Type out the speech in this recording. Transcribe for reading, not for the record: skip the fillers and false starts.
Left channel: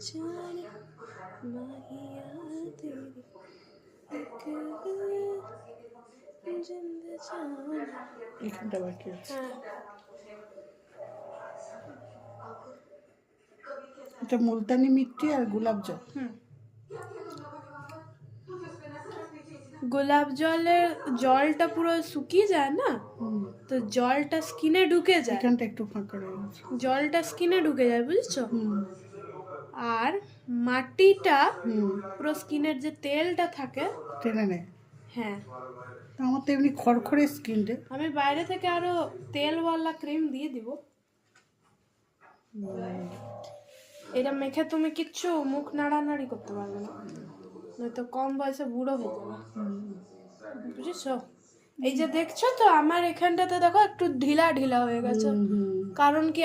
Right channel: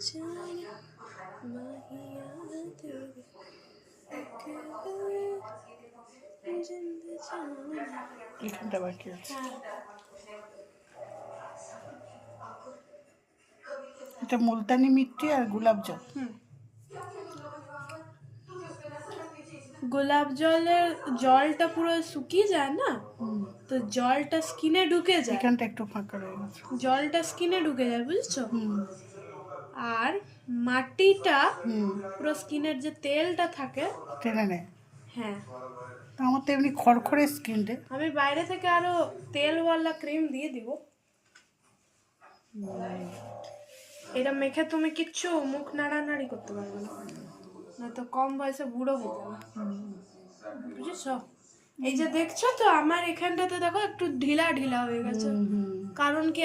जाना माहिया तेरी एक जिंद जाना। এখানটা বাকি আছে। এটা মুলতানি মিট্টি আর গোলাপ জল। গোলাপ জলের জলটা পুরো শুকিয়ে যায় না, তো জলটা স্কিনে ঢুকে যায়, এখানটা একটু ফাঁকা রয়ে গেছে। জলটা স্কিনে ঢুকে যায়, বুঝছো? আর মাটিটা পুরো স্কিনের যে তেলটা থাকে টেনে নেয়। হ্যাঁ, তো আমার তো এমনি খড়খড়ে স্কিন রে। আমি বাইরে থেকে আরো তেলওয়ালা ক্রিম দিয়ে দিব। এটা মেখে তুমি কিচ্ছু মুখ নাড়ানাড়ি করতে পারবে না, নয়তো কম বয়সে বুড়ো হয়ে যাবে, বুঝেছো? এই যে দেখছো তো আমার এখানটাতে দেখো একটু ঢিলা ঢিলা হয়ে গেছে, কারণ কি